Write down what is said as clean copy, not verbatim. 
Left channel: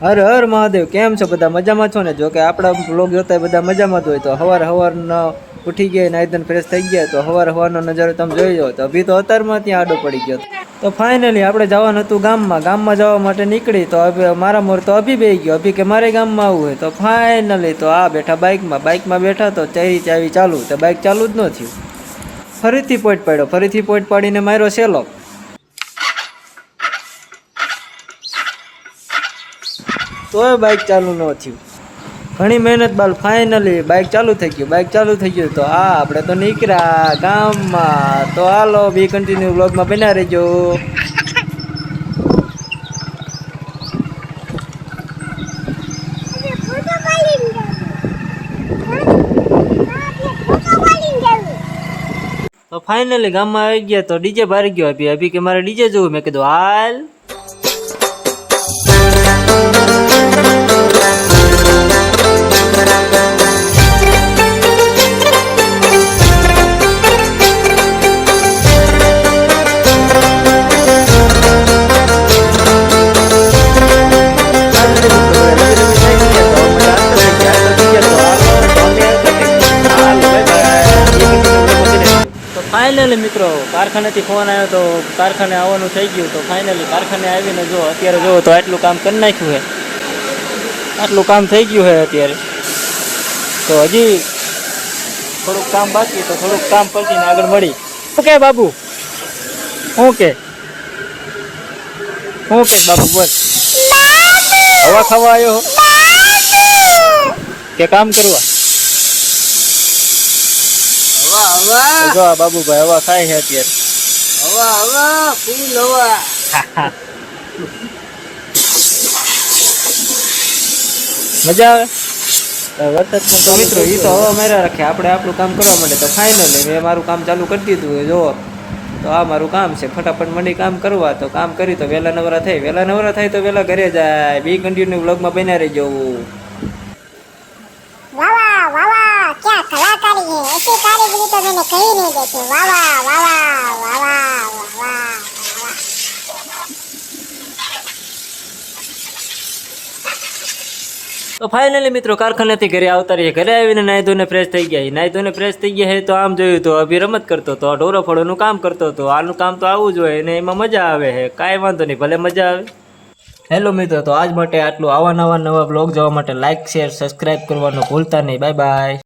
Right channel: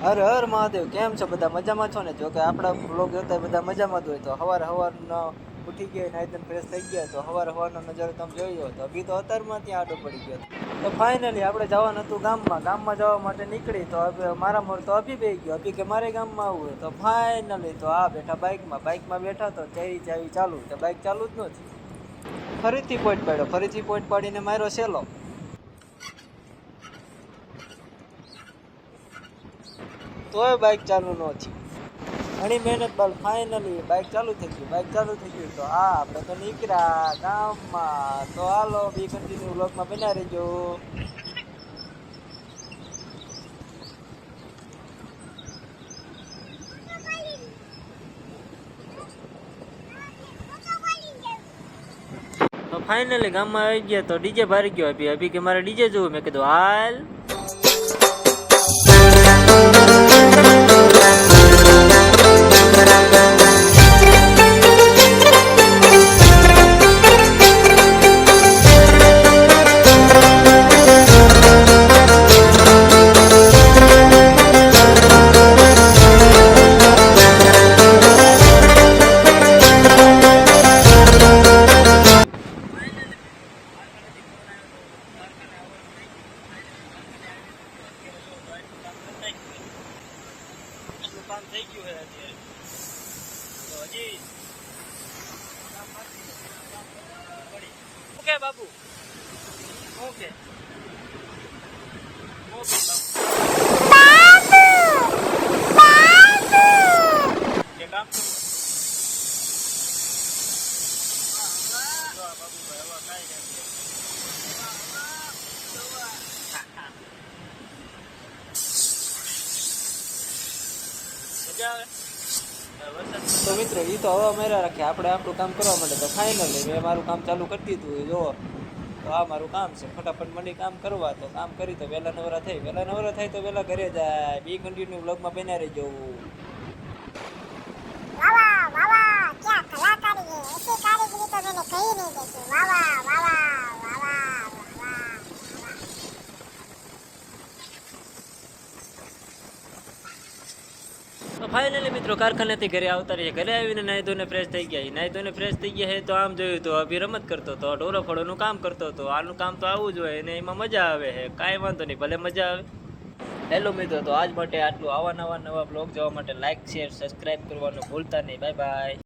હર હર મહાદેવ, કેમ છો બધા? મજામાં છો ને? જો કે આપણા બ્લોગ જોતા બધા મજામાં જ હોય તો હવારના ઉઠી ગયા, નાઈ ધોઈને ફ્રેશ થઈ ગયા તો હવારનો નજારો તમે જોઈ લો. તો અભી તો અત્યારમાં ત્યાં આડો પડી ગયો. તો ફાઇનલી આપણે જવાનું હતું ગામમાં જવા માટે નીકળી તો મારા મોર તો અભી બેહી ગયો. અભી કે મારે ગામમાં આવવું હોય તો ફાઇનલી તો આ બેઠા બાઇકમાં બેઠા તો ચાવી ચાલુ તો બાઇક ચાલુ જ ન થયું. ફરીથી પોઈન્ટ પાડ્યો, ફરીથી પોઈન્ટ પાડીને માર્યો સેલો. તોય બાઇક ચાલુ ન થયું. ઘણી મહેનત બાદ ફાઇનલી બાઇક ચાલુ થઈ ગયું. તો આપણે તો નીકળ્યા ગામમાં. તો હાલો બી કન્ટિન્યુ વ્લોગમાં બન્યા રહેજો. તો ફાઇનલી ગામમાં આવી ગયા તો ડીજે ભારી ગયો. અભી કે મારે ડીજે જોવું. મેં કીધું હાલ. ફાઇનલી મિત્રો કારખાનેથી ફોન આવ્યો તો કારખાને આવવાનું થઈ ગયું. તો ફાઇનલી કારખાને આવીને જો અત્યારે જો તો આટલું કામ કરી નાખ્યું છે. આટલું કામ થઈ ગયું છે અત્યારે. તો હજી થોડુંક કામ બાકી, તો થોડુંક કામ પતીને આગળ મળી. ઓકે બાબુ, ઓકે બાબુ બોલ. હવા ખાવા આવ્યો કે કામ કરવા? જો આ બાબુભાઈ હવા ખાય છે અત્યારે. મજા આવે વરસાદમાં. તો મિત્રો એ તો હવા માર્યા રાખે, આપણે આપણું કામ કરવા માટે. તો ફાઇનલી મેં મારું કામ ચાલુ કરી દીધું. જો તો આ મારું કામ છે. ફટાફટ મંડી કામ કરવા. તો કામ કરી તો વહેલા નવરા થાય તો વહેલા ઘરે જાય. બી કન્ટિન્યુ વ્લોગમાં બન્યા રહેજો. क्या कलाकारी है, ऐसी कारीगरी तो मैंने कहीं नहीं देखी। वाह वाह वाह वाह वाह वाह। તો ફાઇનલી મિત્રો કારખાનેથી ઘરે આવતા રહીએ. ઘરે આવીને નાહી ધોઈને ફ્રેશ થઈ ગયા. તો આમ જોયું તો અભી રમત કરતો હતો, ઢોરો ફળોનું કામ કરતો હતો. આનું કામ તો આવું જ હોય ને એમાં મજા આવે છે. કાંઈ વાંધો નહીં, ભલે મજા આવે. હેલો મિત્રો, તો આજ માટે આટલું. નવા બ્લોગ જોવા માટે લાઇક, શેર, સબસ્ક્રાઈબ કરવાનું ભૂલતા નહીં. Bye bye.